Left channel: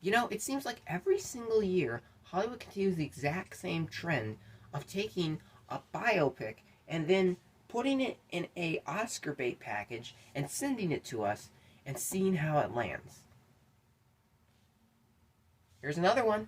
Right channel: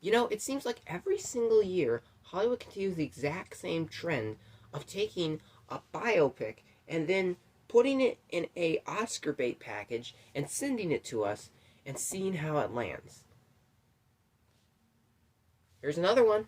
It seems like every single year, Hollywood continues the exact same trend of taking a biopic and then putting it in a Oscar bait package and sending it to us and seeing how it lands. Here's another one.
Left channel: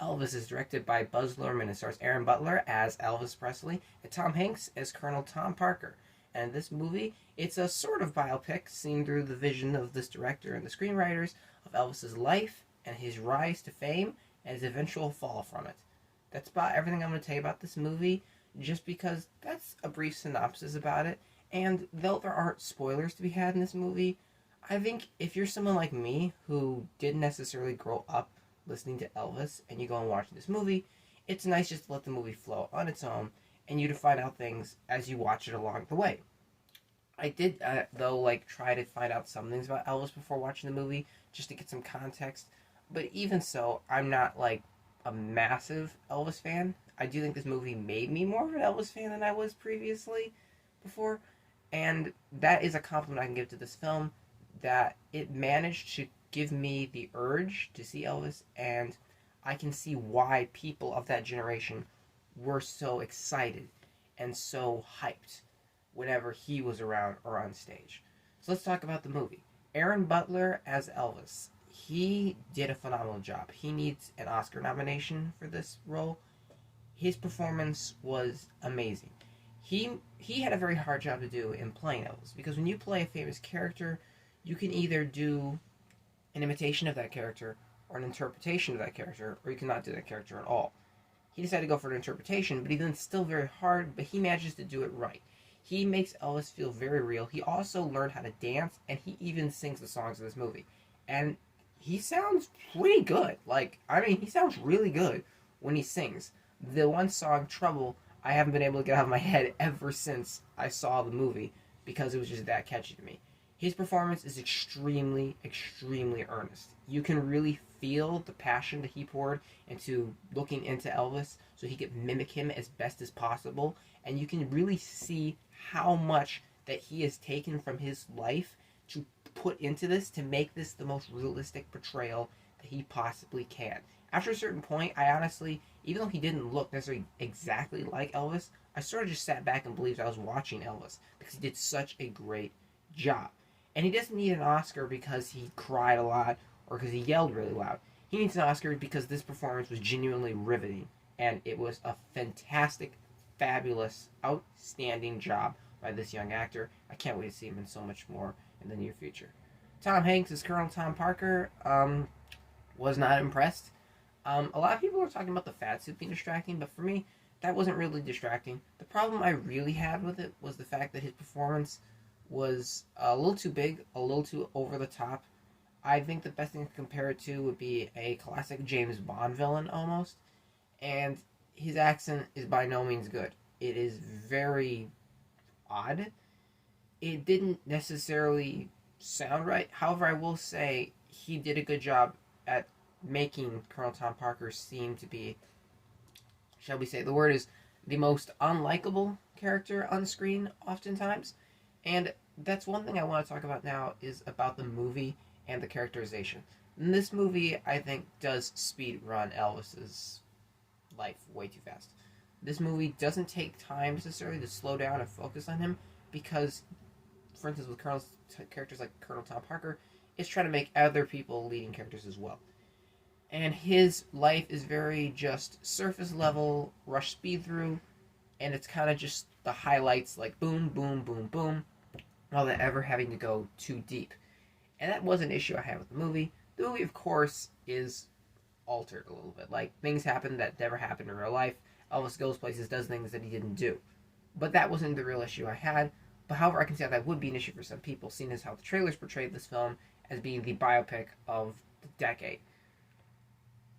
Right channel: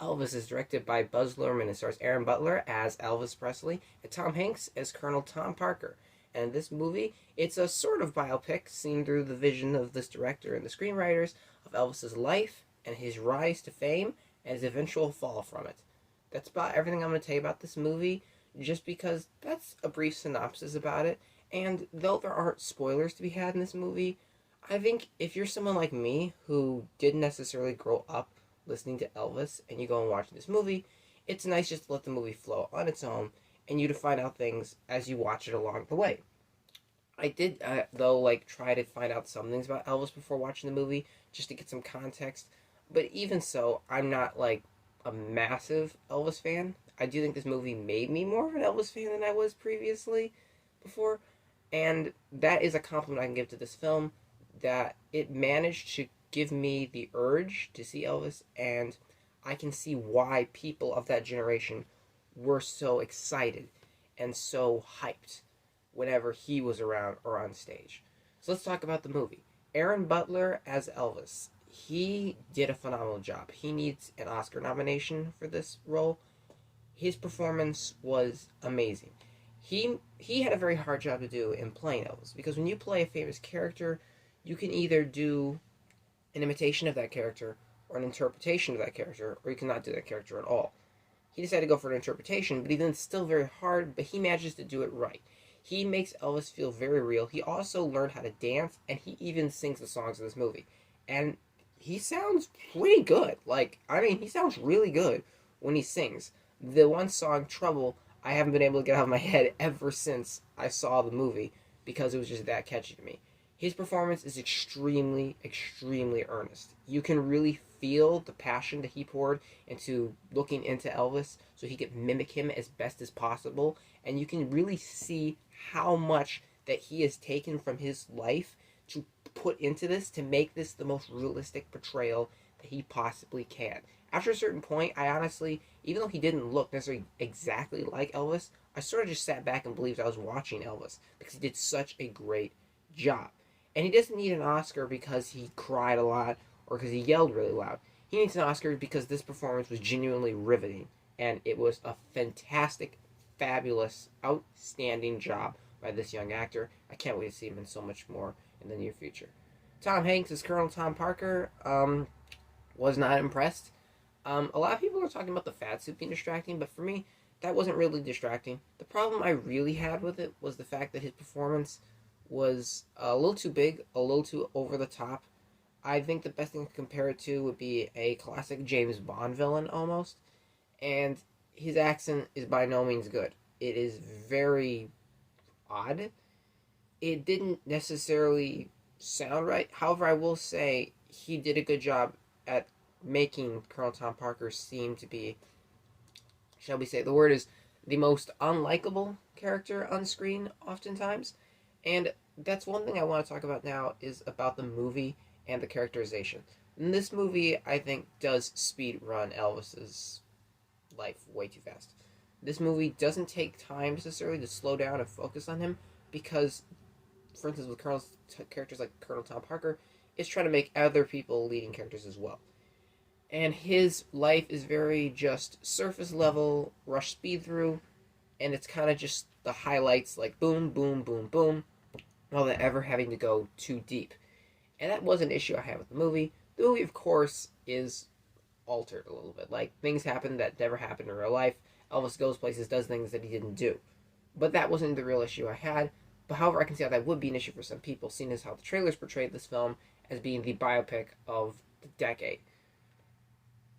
Elvis is directed by Butler and it stars Aaron Butler as Elvis Presley and Tom Hanks as Colonel Tom Parker. And this movie, it's a sort of biopic seen through the vision of this director and the screenwriters of Elvis's life and his rise to fame and his eventual fall from it. That's about everything I'm going to tell you about this movie, just because that's a brief synopsis about it. And though there aren't spoilers to be had in this movie, I think if you're someone like me who didn't necessarily grow up listening to Elvis and you go and watch this movie, it's nice just to let the movie flow on its own and you to find out things as you watch it along the way. I did, though, try to find out some things about Elvis before watching the movie, just to get some context. But even so, I'm not, a massive Elvis fan. I do think this movie made me more of an Elvis fan than I was previously before. And that is a compliment I can give to this film, that it managed to give me the urge to see Elvis, and I can see why people of that generation were so excited and so hyped whenever he was around or on stage. So let's talk about the movie. Aaron Butler as Elvis. He did a phenomenal job. He needs an Oscar nomination for this role. His performance was amazing. He had a very hard job to do in playing Elvis, because when you play a famous character, you can either do an imitation of that character or an interpretation of that character, or you cannot do that character at all. He decided to go for an interpretation, but even it's still very hard, but he manages to do it right. He makes Elvis feel very real. He also learned how to dance, and he even sings the songs of this movie. And he sounds pretty good. He sounds really good when he sings. The one song, Trouble, I haven't been able to get out of my head ever since I saw the movie, because it was just that catchy to me. His performance is extremely, extremely earnest. You can really feel the passion that he poured into looking into Elvis so he could mimic him as best as possible. And you can really see how much that he has taken from his life to put into this to make this the most realistic portrayal that he possibly can. After a certain point, I honestly, even though he didn't look necessarily exactly like Elvis, I sort of just sat back and believed I was watching Elvis, because he did such a great job. And he doesn't need an Oscar because he cried a lot or because he yelled really loud. He needs an Oscar because this performance was genuinely riveting, and it was a fantastic, fabulous, outstanding job by this young actor. I can't wait to see him in so much more in the near future. Tom Hanks as Colonel Tom Parker was not impressed. A lot of people were talking about the fat suit being distracting, but for me, that wasn't really distracting. The problem I really had with it was the fact that his performance was a little too big, a little too over the top. I think the best thing to compare it to would be a classic James Bond villain, almost. And his accent is by no means good. It is very odd. It didn't necessarily sound right. However, I will say he did a good job at making Colonel Tom Parker seem to be, shall we say, the word is, the most unlikable character on screen oftentimes. And that's one thing I want to talk about now, is about the movie and the characterization. And this movie, I think, does speed run Elvis's life way too fast. This movie doesn't take time necessarily to slow down and focus on him, because, for instance, with characters like Colonel Tom Parker, it's trying to make other people leading characters as well. And his life is very just surface level, rush speed through, and it's kind of just the highlights, like boom, boom, boom, boom, without ever having to go too deep. And that was an issue I had with the movie. The movie, of course, is altered a little bit. Things happen that never happened in real life. Elvis goes places, does things that he didn't do. But that wasn't the real issue I had. But however, I can see how that would be an issue for some people, seeing as how the trailers portrayed this film as being the biopic of the decade.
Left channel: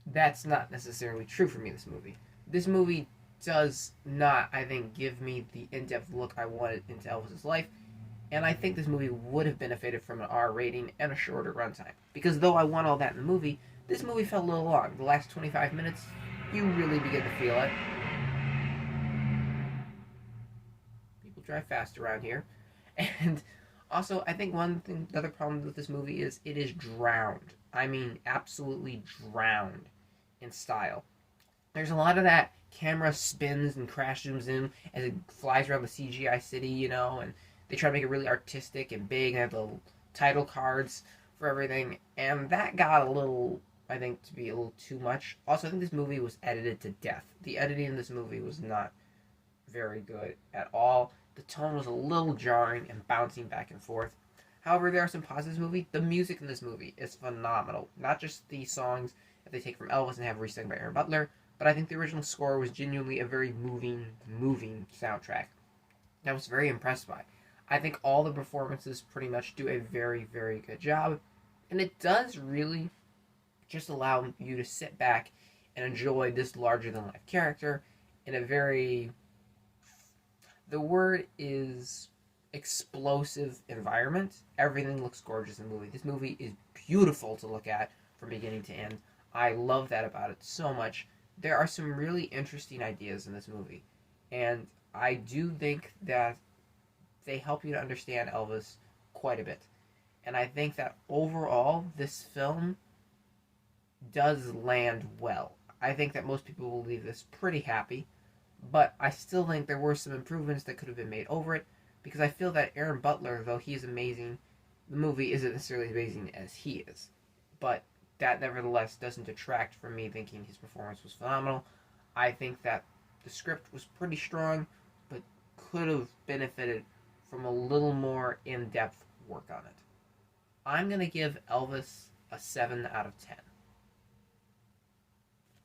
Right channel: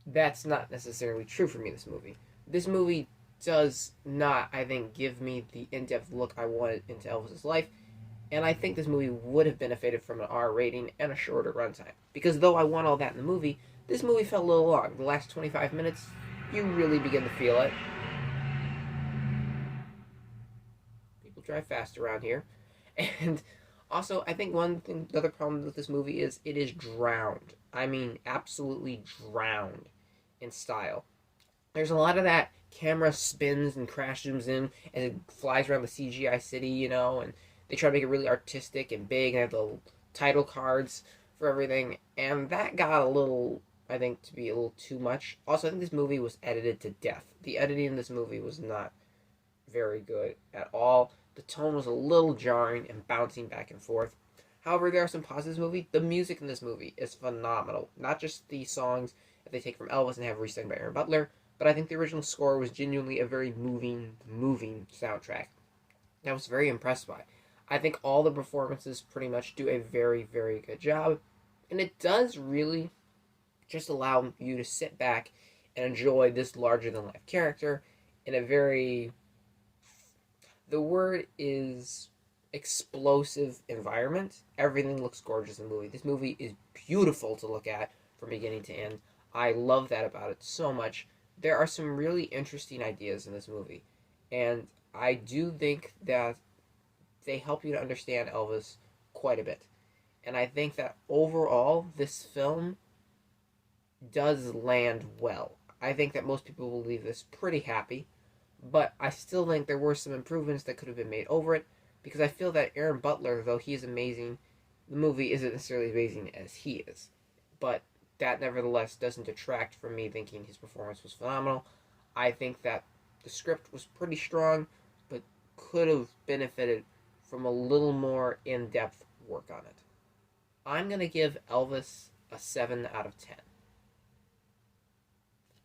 That's not necessarily true for me, this movie. This movie does not, I think, give me the in-depth look I wanted into Elvis's life, and I think this movie would have benefited from an R rating and a shorter runtime. Because though I want all that in the movie, this movie felt a little long. The last 25 minutes, you really begin to feel it. drive fast around here. And also, I think the other problem with this movie is it is drowned. I mean, absolutely drowned in style. There's a lot of that camera spins and crash zooms in as it flies around the CGI city, and they try to make it really artistic and big and have the title cards for everything. And that got a little, I think, to be a little too much. Also, I think this movie was edited to death. The editing in this movie was not very good at all. The tone was a little jarring and bouncing back and forth. However, there are some positives in this movie. The music in this movie is phenomenal. Not just the songs that they take from Elvis and have resung by Aaron Butler, but I think the original score was genuinely a very moving soundtrack that I was very impressed by. I think all the performances pretty much do a very, very good job, and it does really just allow you to sit back and enjoy this larger-than-life character in a very... The word is explosive environment. Everything looks gorgeous in the movie. This movie is beautiful to look at from beginning to end. I love that about it so much. There are some really interesting ideas in this movie, and I do think that they help you to understand Elvis quite a bit. And I think that overall, this film does land well. I think that most people will leave this pretty happy, but I still think there were some improvements that could have been made over it, because I feel that Aaron Butler, though he is amazing, the movie isn't necessarily as amazing as he is. But that nevertheless doesn't detract from me thinking his performance was phenomenal. I think that the script was pretty strong, but could have benefited from a little more in-depth work on it. I'm going to give Elvis a 7 out of 10.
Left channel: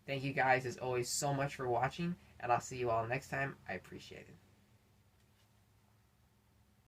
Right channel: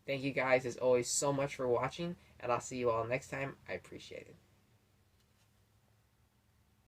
Thank you guys, as always, so much for watching, and I'll see you all next time. I appreciate it.